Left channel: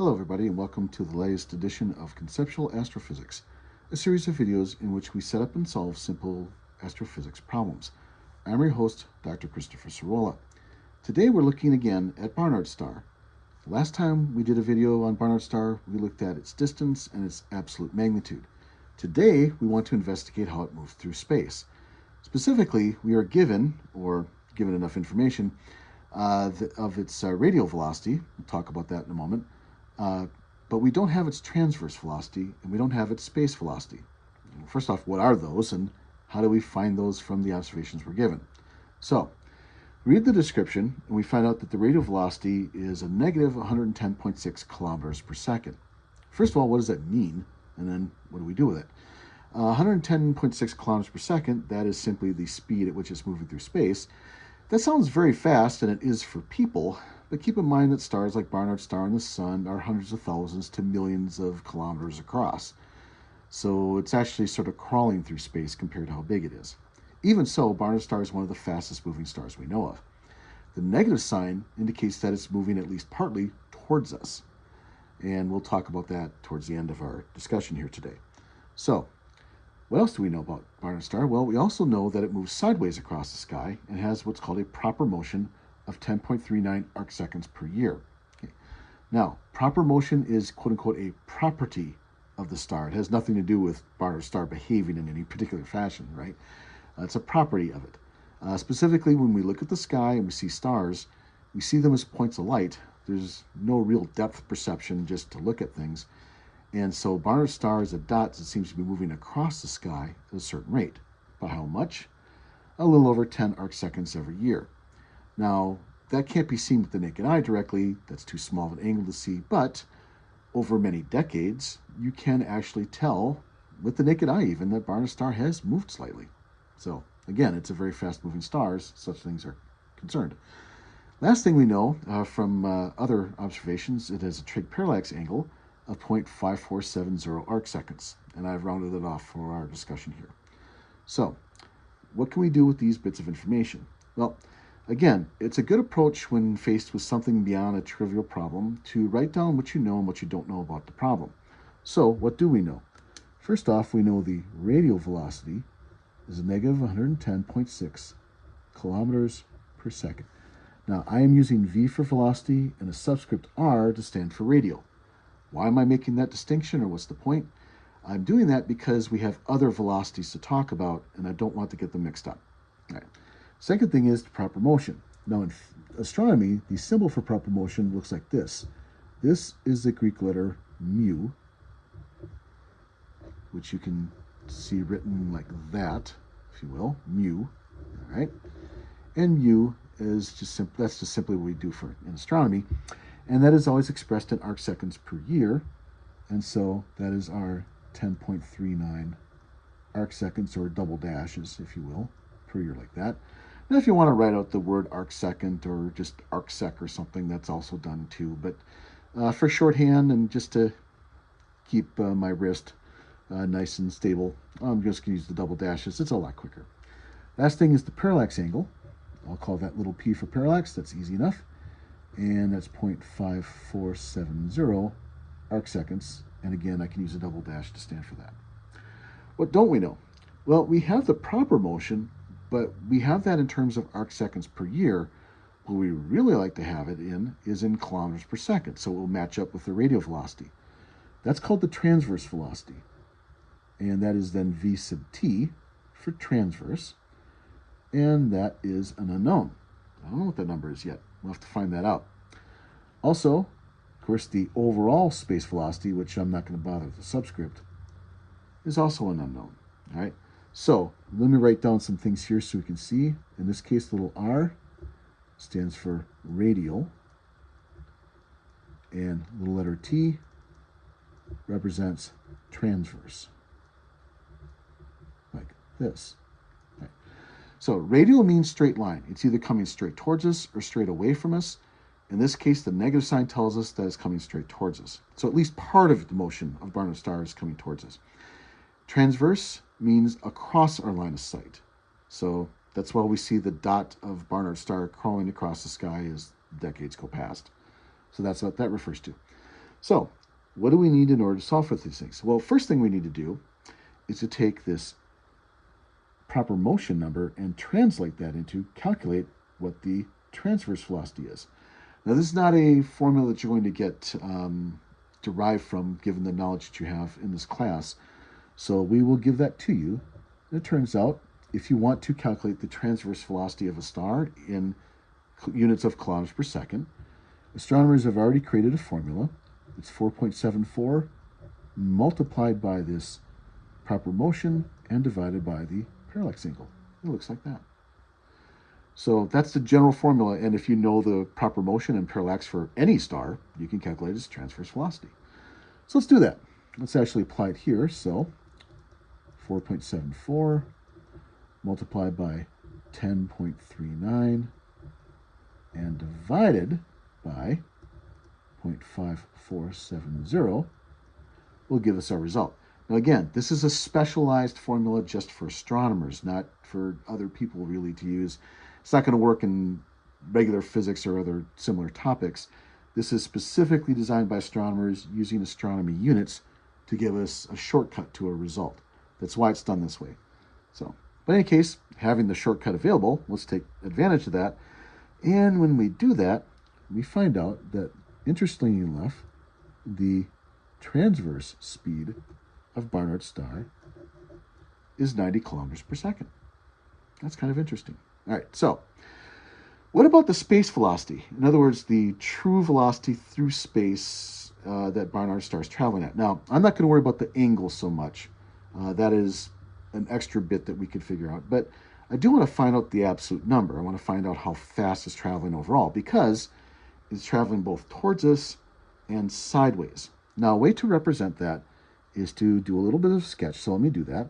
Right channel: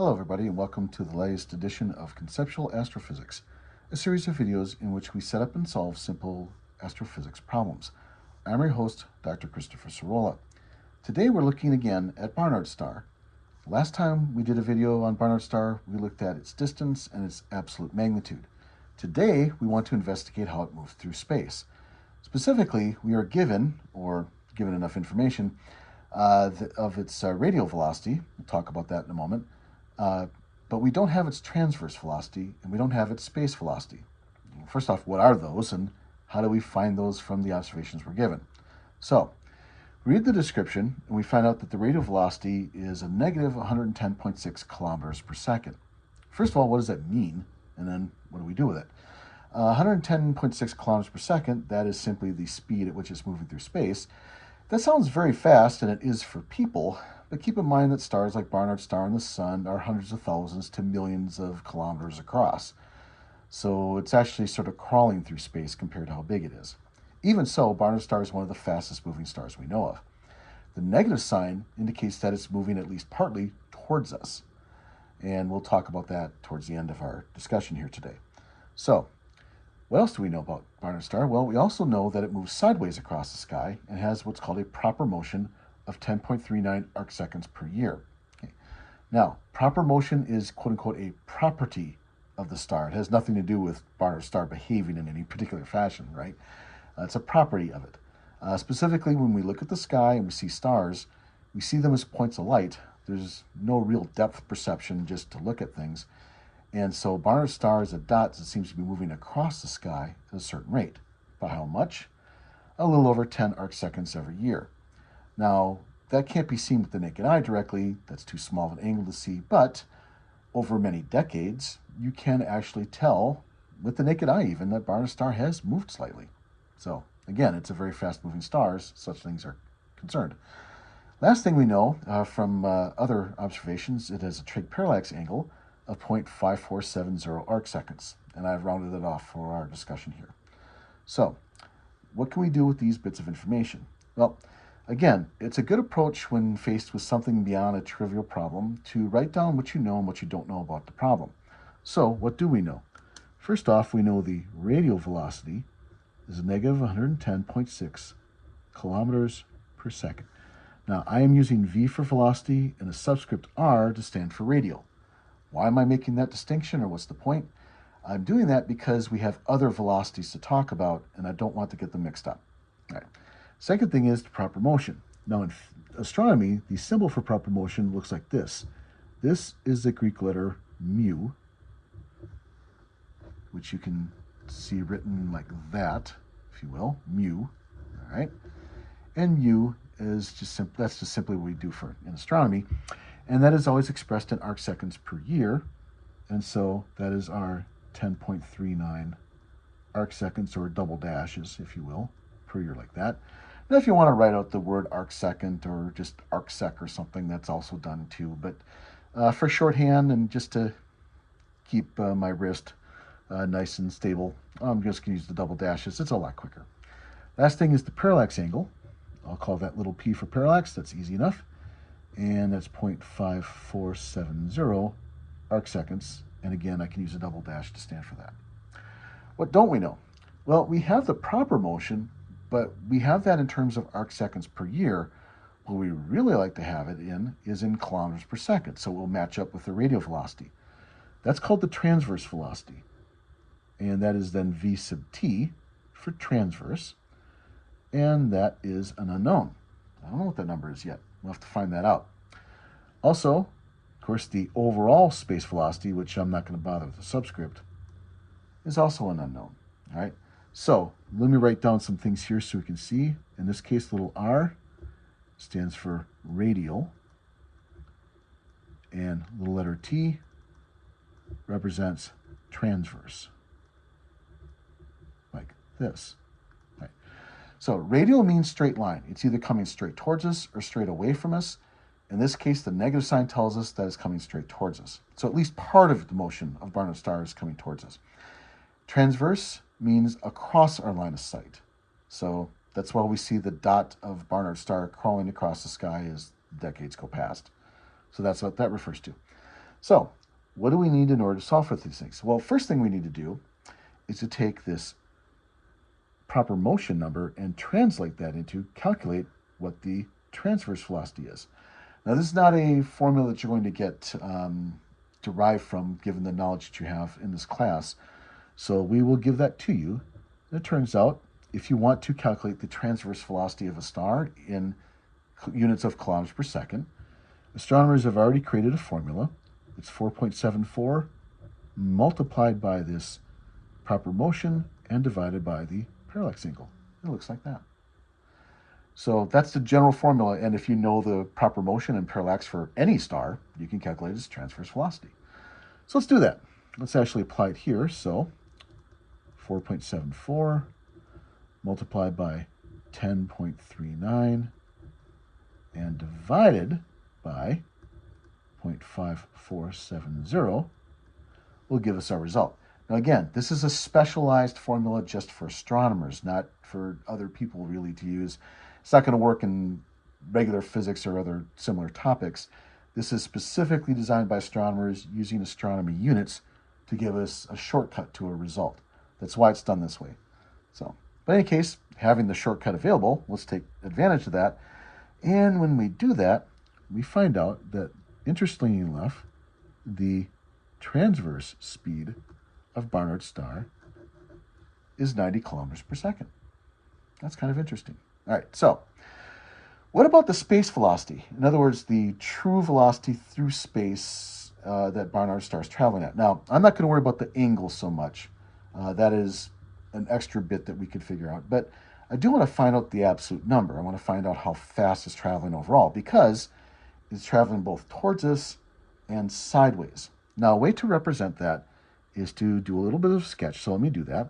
Hello everybody and welcome to the latest edition of Conceptual Astrophysics, a series of videos in which we set up and solve simple astrophysics problems. I'm your host, Dr. Christopher Cirola. Today we're looking again at Barnard star. Last time we did a video on Barnard star, we looked at its distance and its absolute magnitude. Today we want to investigate how it moves through space. Specifically, we are given enough information of its radial velocity. We'll talk about that in a moment. But we don't have its transverse velocity, and we don't have its space velocity. First off, what are those, and how do we find those from the observations we're given? So, read the description, and we find out that the radial velocity is a negative 110.6 kilometers per second. First of all, what does that mean? And then what do we do with it? 110.6 kilometers per second, that is simply the speed at which it's moving through space. That sounds very fast, and it is for people, but keep in mind that stars like Barnard star and the Sun are hundreds of thousands to millions of kilometers across. So it's actually sort of crawling through space compared to how big it is. Even so, Barnard star is one of the fastest moving stars we know of. The negative sign indicates that it's moving at least partly towards us. And we'll talk about that towards the end of our discussion here today. So, what else do we know about Barnard star? Well, we also know that it moves sideways across the sky and has what's called a proper motion of 10.39 arc seconds per year. Okay. Now, proper motion is quote-unquote a property of the star. It has nothing to do with Barnard star behaving in any particular fashion, right? It's a property of it. Specifically, when we look at the sky and we see stars, we see them as points of light. There's no real depth perception just to look at things. And so Barnard star is a dot that seems to be moving across the sky at a certain rate. By how much? A little over 10 arc seconds every year. Now, that can't be seen with the naked eye directly. That's too small of an angle to see. But over many decades, you can actually tell, with the naked eye even, that Barnard star has moved slightly. So, again, it's a very fast-moving star as such things are concerned. Last thing we know from other observations, it has a trig parallax angle of 0.5470 arc seconds. And I've rounded it off for our discussion here. So, what can we do with these bits of information? Well, again, it's a good approach when faced with something beyond a trivial problem to write down what you know and what you don't know about the problem. So, what do we know? First off, we know the radial velocity is a negative 110.6 kilometers per second. Now, I am using V for velocity and a subscript R to stand for radial. Why am I making that distinction, or what's the point? I'm doing that because we have other velocities to talk about, and I don't want to get them mixed up. All right. Second thing is the proper motion. Now, in astronomy, the symbol for proper motion looks like this. This is the Greek letter mu, which you can see written like that, if you will, mu. All right. And mu is that's just simply what we do in astronomy. And that is always expressed in arc seconds per year. And so that is our 10.39 arc seconds, or double dashes, if you will, per year like that. Now, if you want to write out the word arc second or just arc sec or something, that's also done too. But for shorthand and just to keep my wrist nice and stable, I'm just going to use the double dashes. It's a lot quicker. Last thing is the parallax angle. I'll call that little p for parallax. That's easy enough. And that's 0.5470 arc seconds. And again, I can use a double dash to stand for that. What don't we know? Well, we have the proper motion, but we have that in terms of arc seconds per year. What we really like to have it is in kilometers per second, so it will match up with the radial velocity. That's called the transverse velocity. And that is then V sub t for transverse. And that is an unknown. I don't know what that number is yet. We'll have to find that out. Also, of course, the overall space velocity, which I'm not going to bother with the subscript, is also an unknown. All right. So let me write down some things here so we can see. In this case, little r stands for radial, and little letter t represents transverse, like this. Right. So radial means straight line. It's either coming straight towards us or straight away from us. In this case, the negative sign tells us that it's coming straight towards us. So at least part of the motion of Barnard star is coming towards us. Transverse means across our line of sight. So that's why we see the dot of Barnard star crawling across the sky as decades go past. So that's what that refers to. So what do we need in order to solve for these things? Well, first thing we need to do is to take this proper motion number and translate that into calculate what the transverse velocity is. Now, this is not a formula that you're going to get derived from given the knowledge that you have in this class. So we will give that to you. And it turns out, if you want to calculate the transverse velocity of a star in units of kilometers per second, astronomers have already created a formula. It's 4.74 multiplied by this proper motion and divided by the parallax angle. It looks like that. So that's the general formula, and if you know the proper motion and parallax for any star, you can calculate its transverse velocity. So let's do that. Let's actually apply it here. So 4.74 multiplied by 10.39 and divided by 0.5470 will give us our result. Now again, this is a specialized formula just for astronomers, not for other people really to use. It's not going to work in regular physics or other similar topics. This is specifically designed by astronomers using astronomy units to give us a shortcut to a result. That's why it's done this way. So, but in any case, having the shortcut available, let's take advantage of that. And when we do that, we find out that, interestingly enough, the transverse speed of Barnard's star is 90 kilometers per second. That's kind of interesting. All right, so what about the space velocity? In other words, the true velocity through space that Barnard's star is traveling at. Now, I'm not going to worry about the angle so much. That is an extra bit that we could figure out. But I do want to find out the absolute number. I want to find out how fast it's traveling overall, because it's traveling both towards us and sideways. Now, a way to represent that is to do a little bit of sketch. So let me do that.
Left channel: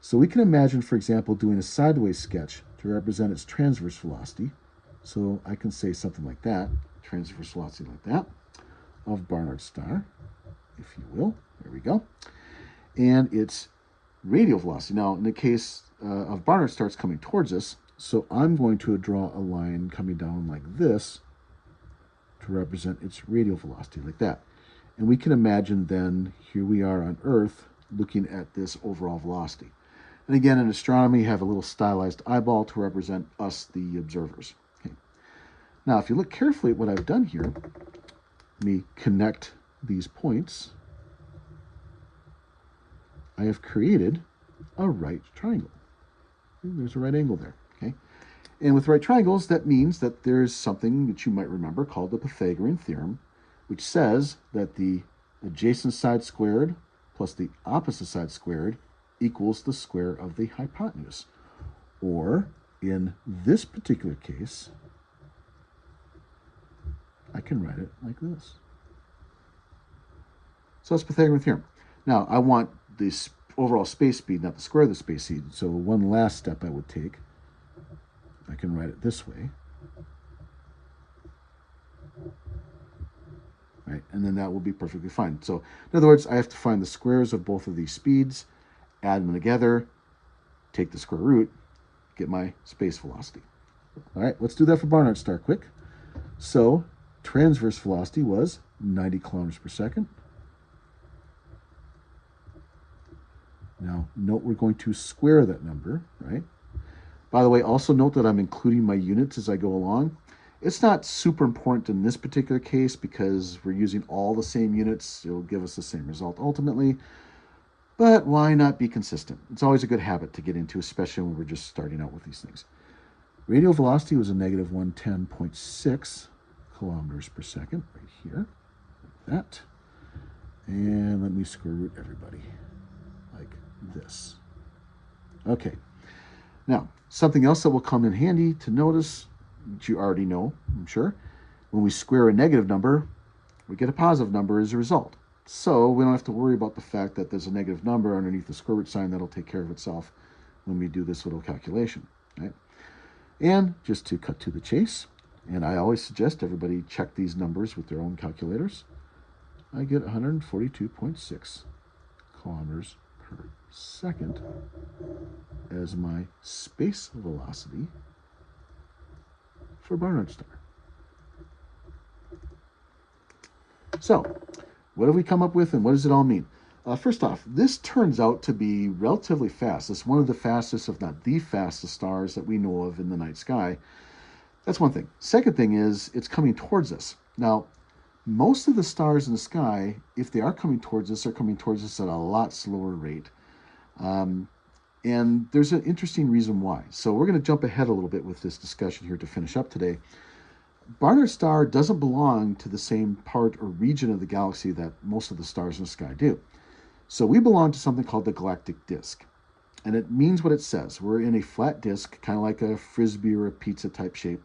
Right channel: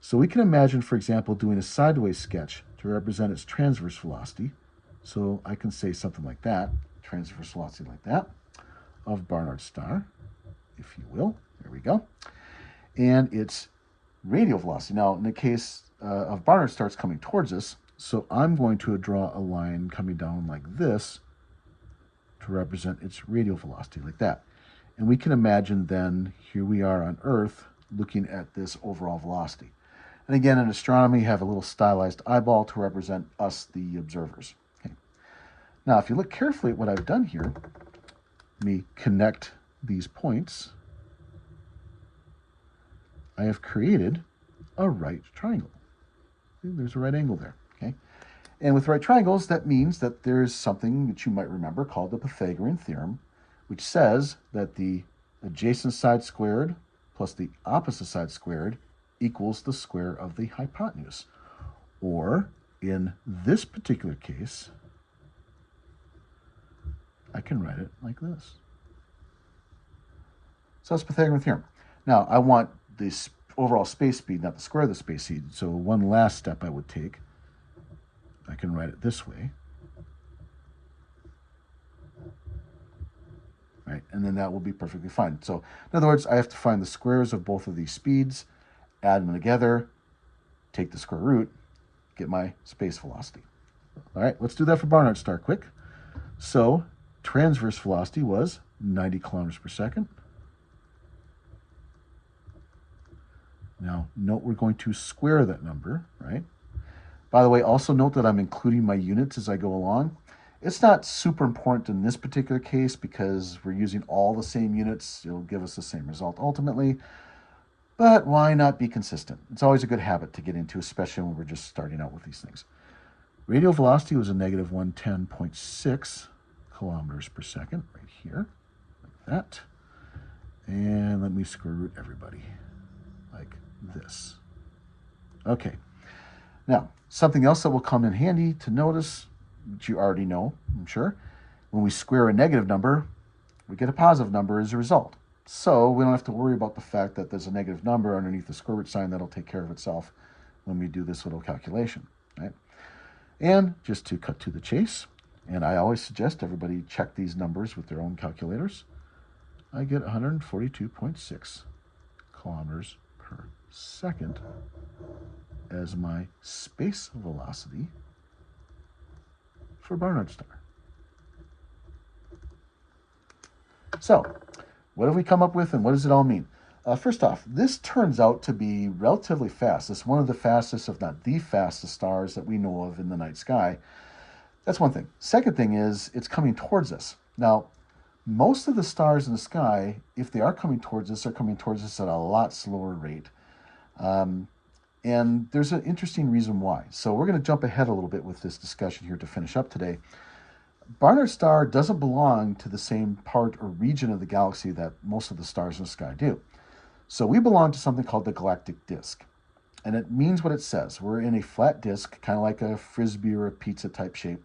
So we can imagine, for example, doing a sideways sketch to represent its transverse velocity. So I can say something like that, transverse velocity like that, of Barnard's star, if you will. There we go. And its radial velocity. Now, in the case of Barnard's star, it's coming towards us. So I'm going to draw a line coming down like this to represent its radial velocity, like that. And we can imagine then, here we are on Earth, looking at this overall velocity. And again, in astronomy, you have a little stylized eyeball to represent us, the observers. Okay. Now, if you look carefully at what I've done here, let me connect these points. I have created a right triangle. There's a right angle there. Okay. And with right triangles, that means that there's something that you might remember called the Pythagorean theorem, which says that the adjacent side squared plus the opposite side squared equals the square of the hypotenuse. Or, in this particular case, I can write it like this. So that's Pythagorean theorem. Now, I want this overall space speed, not the square of the space speed. So one last step I would take, I can write it this way. Right, and then that will be perfectly fine. So, in other words, I have to find the squares of both of these speeds, add them together, take the square root, get my space velocity. All right, let's do that for Barnard's star quick. So, transverse velocity was 90 kilometers per second. Now, note we're going to square that number, right? By the way, also note that I'm including my units as I go along. It's not super important in this particular case because we're using all the same units. It'll give us the same result ultimately. But why not be consistent? It's always a good habit to get into, especially when we're just starting out with these things. Radial velocity was a negative 110.6 kilometers per second, right here, like that. And let me square root everybody, like this. Okay. Now, something else that will come in handy to notice, that you already know, I'm sure, when we square a negative number, we get a positive number as a result. So we don't have to worry about the fact that there's a negative number underneath the square root sign. That'll take care of itself when we do this little calculation, right? And just to cut to the chase, and I always suggest everybody check these numbers with their own calculators, I get 142.6 kilometers per second as my space velocity for Barnard's star. So What have we come up with, and what does it all mean? First off, this turns out to be relatively fast. It's one of the fastest, if not the fastest, stars that we know of in the night sky. That's one thing. Second thing is it's coming towards us. Now, most of the stars in the sky, if they are coming towards us, are coming towards us at a lot slower rate. And there's an interesting reason why. So we're going to jump ahead a little bit with this discussion here to finish up today. Barnard star doesn't belong to the same part or region of the galaxy that most of the stars in the sky do. So we belong to something called the galactic disk. And it means what it says. We're in a flat disk, kind of like a frisbee or a pizza type shape.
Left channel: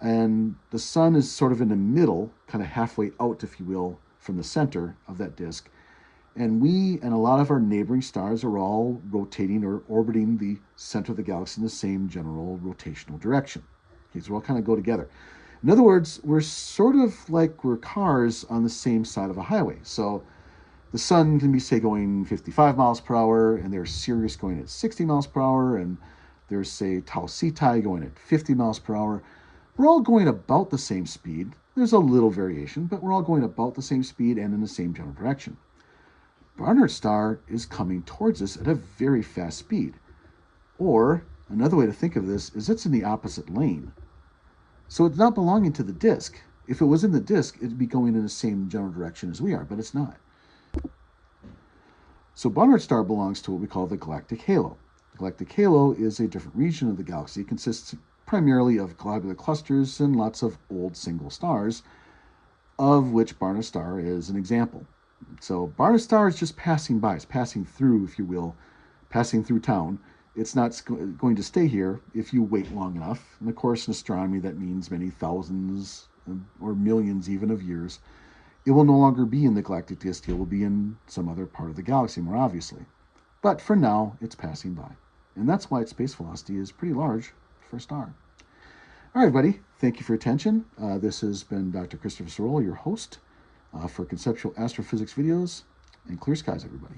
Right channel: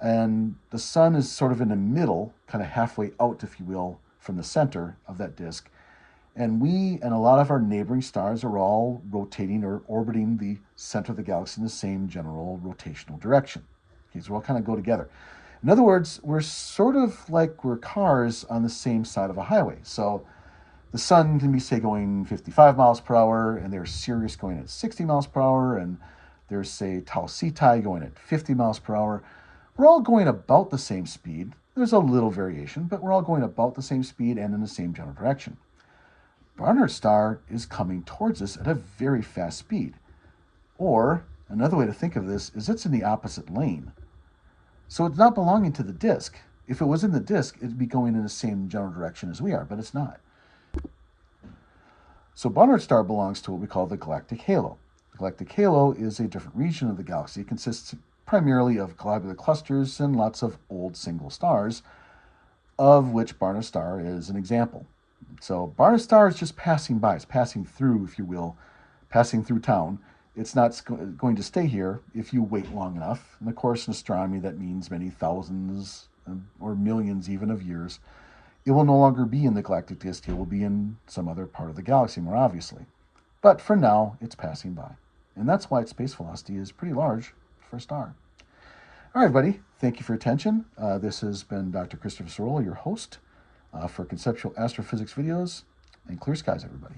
And the sun is sort of in the middle, kind of halfway out, if you will, from the center of that disk. And we and a lot of our neighboring stars are all rotating or orbiting the center of the galaxy in the same general rotational direction. Okay, so we all kind of go together. In other words, we're sort of like we're cars on the same side of a highway. So the sun can be, say, going 55 miles per hour, and there's Sirius going at 60 miles per hour, and there's, say, Tau Cetus going at 50 miles per hour. We're all going about the same speed. There's a little variation, but we're all going about the same speed and in the same general direction. Barnard star is coming towards us at a very fast speed. Or, another way to think of this is it's in the opposite lane. So it's not belonging to the disk. If it was in the disk, it'd be going in the same general direction as we are, but it's not. So Barnard star belongs to what we call the galactic halo. The galactic halo is a different region of the galaxy. It consists primarily of globular clusters and lots of old single stars, of which Barnard star is an example. So Barnard star is just passing by. It's passing through, if you will, passing through town. It's not going to stay here if you wait long enough. And of course, in astronomy, that means many thousands or millions even of years. It will no longer be in the galactic disk. It will be in some other part of the galaxy, more obviously. But for now, it's passing by. And that's why its space velocity is pretty large for a star. All right, everybody. Thank you for your attention. This has been Dr. Christopher Cirola, your host for Conceptual Astrophysics videos. And clear skies, everybody.